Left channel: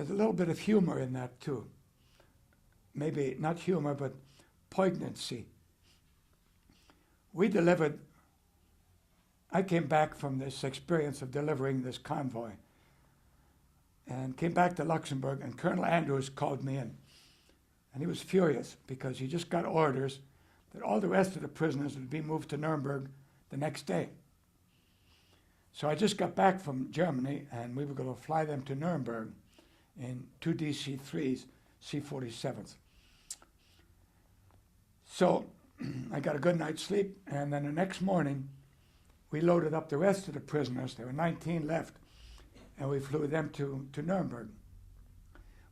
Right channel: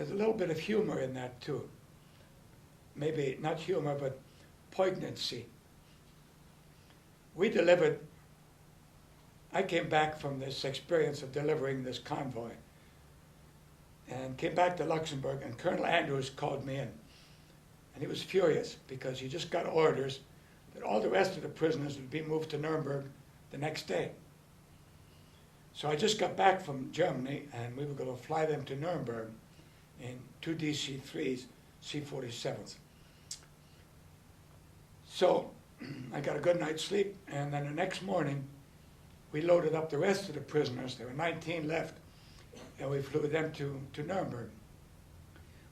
there's a little bit of humor in that too. Maybe not humor, but poignancy. I came back from this experience of delivering this convoy and came back to Luxembourg, and Colonel Andrews called me in. And he was furious because he just got orders that all the rest of the prisoners would be moved to Nuremberg the next day. So I just got back from Germany, and we were going to fly them to Nuremberg in two DC-3s, C-47s. So I got a good night's sleep, and then the next morning, we loaded up the rest of the prisoners. There were 19 left, and we flew them to Nuremberg.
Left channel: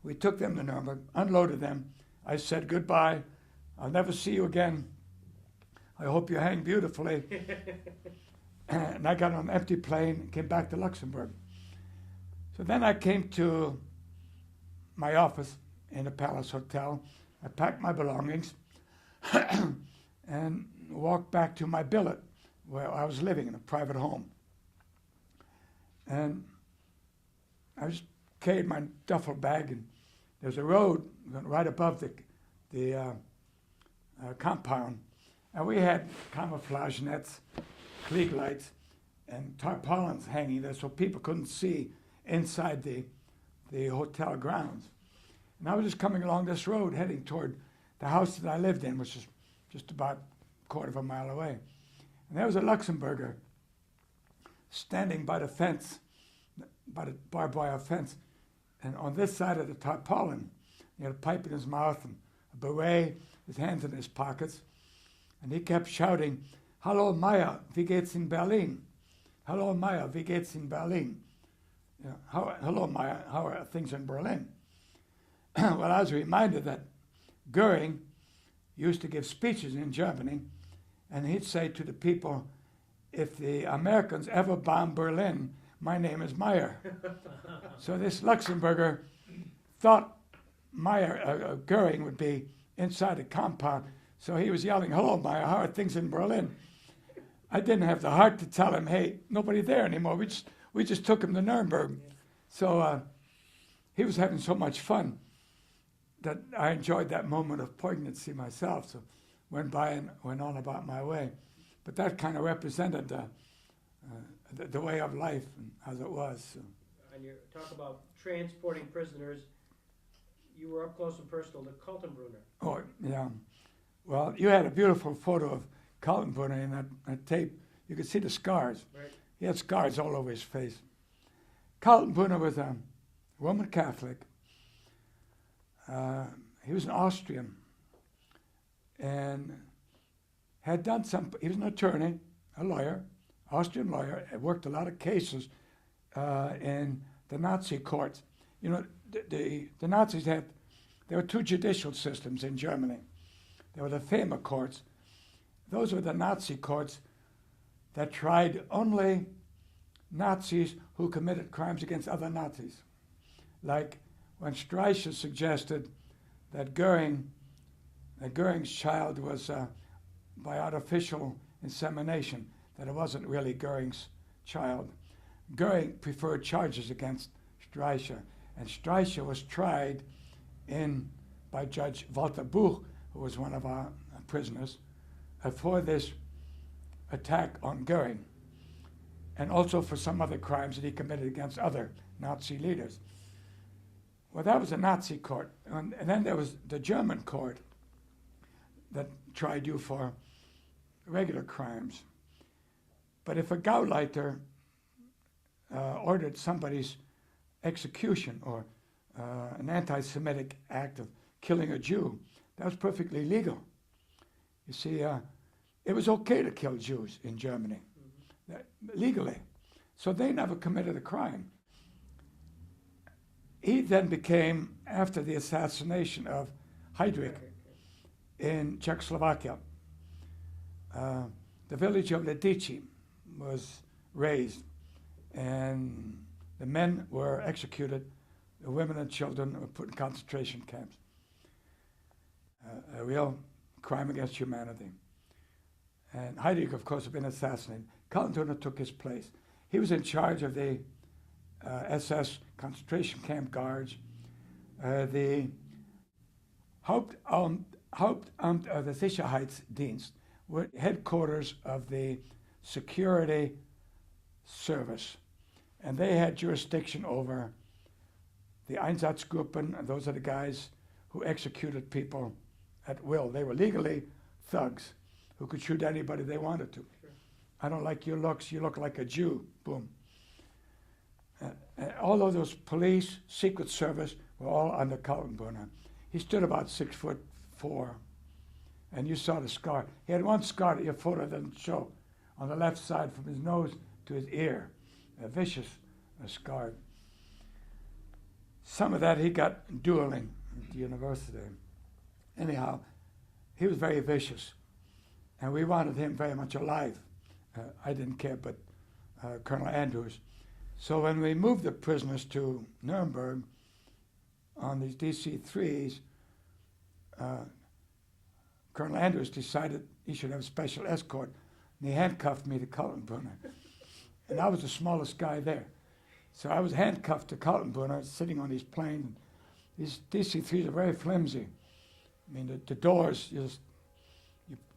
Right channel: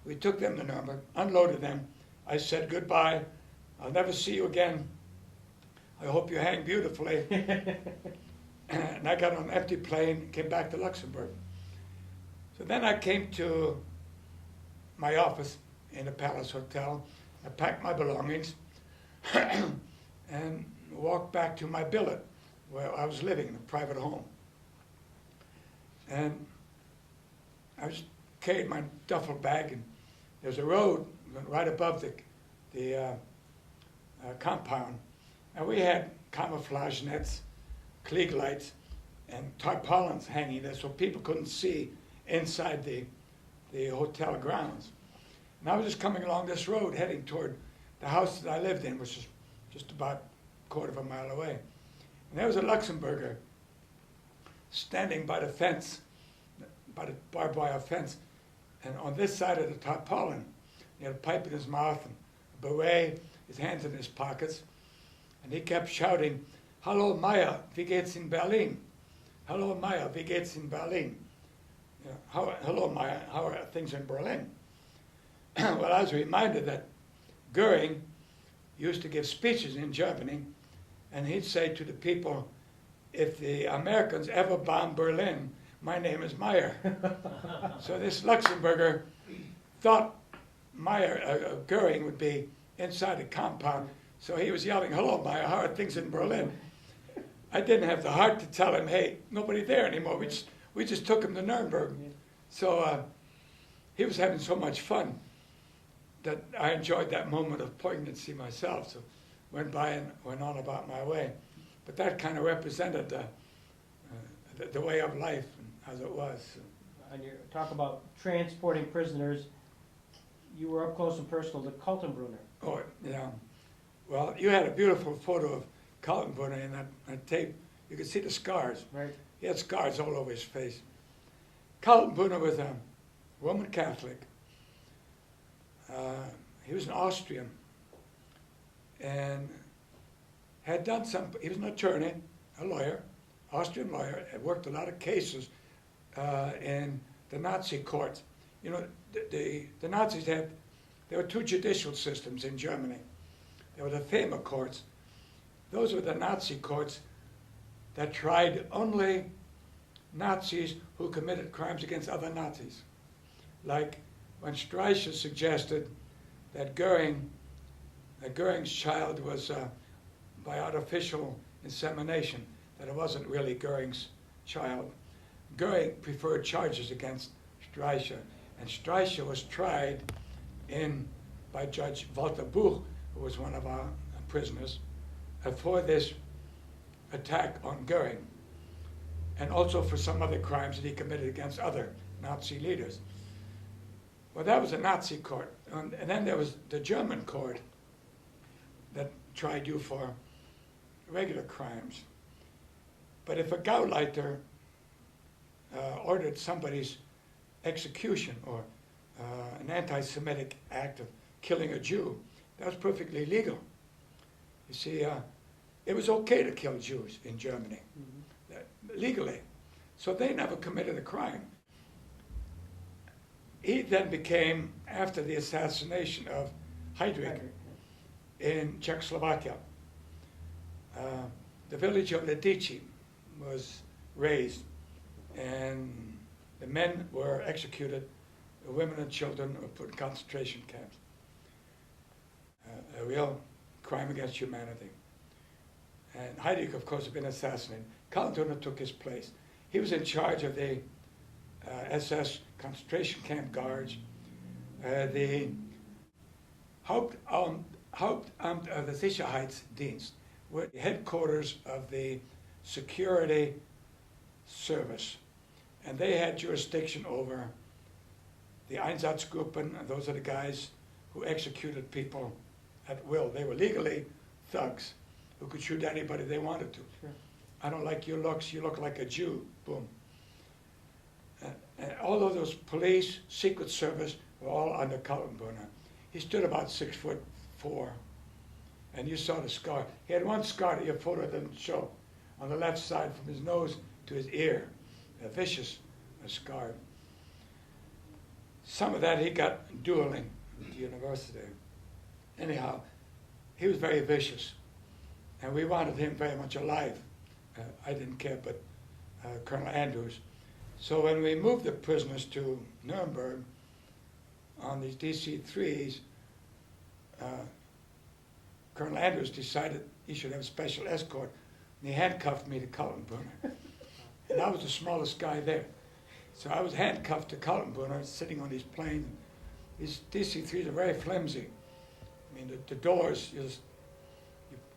We took them to Nuremberg, unloaded them. I said goodbye. I'll never see you again. I hope you hang beautifully. And I got on an empty plane, came back to Luxembourg. So then I came to my office in the Palace Hotel. I packed my belongings and walked back to my billet where I was living in a private home. And I just carried my duffel bag, and there's a road right above the compound. And we had camouflage nets, Klieg lights, and tarpaulins hanging there so people couldn't see inside the hotel grounds. And I was just coming along this road heading toward the house that I lived in, which is just about a quarter of a mile away. And there was a Luxembourger standing by the fence, by the barbed wire fence, and on this side of the tarpaulin, he had a pipe in his mouth and a beret, his hands in his pockets, and he kept shouting, "Hallo Meyer, wie geht's in Berlin? Hallo Meyer, wie geht's in Berlin?" You know, hello Meyer, how are things in Berlin? Well, I was reminded that Goering used to give speeches in Germany, and he'd say to the people, "If the Americans ever bomb Berlin, my name is Meyer." So this Luxembourger thought Goering would be inside the compound, so he was yelling, "Hello, Meyer, how are things in Berlin?" I didn't have the heart to tell him, "Hey, nobody there anymore. We just took him to Nuremberg." So he was having so much fun that I enjoyed that moment of poignancy myself. So went by and went on about my way. But that kind of represented the way of life as it was. And you talk about transporting prisoners. You were up close and personal to Kaltenbrunner. Oh, yeah. Well, you had a beautiful photo of Kaltenbrunner in that tape. You could see the scars. Right. He had scars all over his face. Kaltenbrunner was a Roman Catholic. He was an Austrian and had done he was an attorney, a lawyer, Austrian lawyer, had worked a lot of cases in the Nazi courts. You know, the Nazis there were two judicial systems in Germany. There were the FEMA courts. Those were the Nazi courts that tried only Nazis who committed crimes against other Nazis. Like when Streicher suggested that Goering's child was by artificial insemination, that it wasn't really Goering's child. Goering preferred charges against Streicher, and Streicher was tried by Judge Walter Buch, who was one of our prisoners, for this attack on Goering, and also for some other crimes that he committed against other Nazi leaders. Well, that was a Nazi court. And then there was the German court that tried you for regular crimes. But if a Gauleiter ordered somebody's execution or an anti-Semitic act of killing a Jew, that was perfectly legal. You see, it was okay to kill Jews in Germany, legally. So they never committed a crime. He then became, after the assassination of Heydrich in Czechoslovakia, the village of Lidice was razed, and the men were executed, the women and children were put in concentration camps. A real crime against humanity. And Heydrich, of course, had been assassinated. Kaltenbrunner took his place. He was in charge of the SS concentration camp guards The Hauptamt der Sicherheitsdienst were headquarters of the security service, and they had jurisdiction over the Einsatzgruppen. Those are the guys who executed people at will. They were legally thugs who could shoot anybody they wanted to. Sure. I don't like your looks, you look like a Jew, boom. All of those police, Secret Service were all under Kaltenbrunner. He stood about 6'4", and you saw the scar. He had one scar that your photo doesn't show, on the left side from his nose to his ear, a vicious scar. Some of that he got dueling at the university. Anyhow, he was very vicious, and we wanted him very much alive. I didn't care, but Colonel Andrews. So when we moved the prisoners to Nuremberg on these DC-3s, Colonel Andrews decided he should have special escort, and he handcuffed me to Kaltenbrunner. And I was the smallest guy there. So I was handcuffed to Kaltenbrunner, sitting on these planes. These DC-3s are very flimsy. I mean, the doors,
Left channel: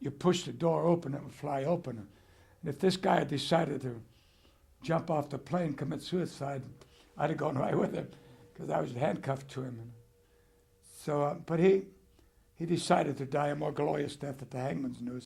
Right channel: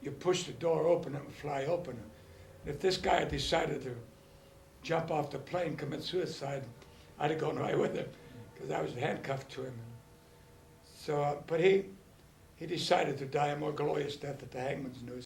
you push the door open, it would fly open. If this guy had decided to jump off the plane, commit suicide, I'd have gone right with him, because I was handcuffed to him. So, but he decided to die a more glorious death at the hangman's noose.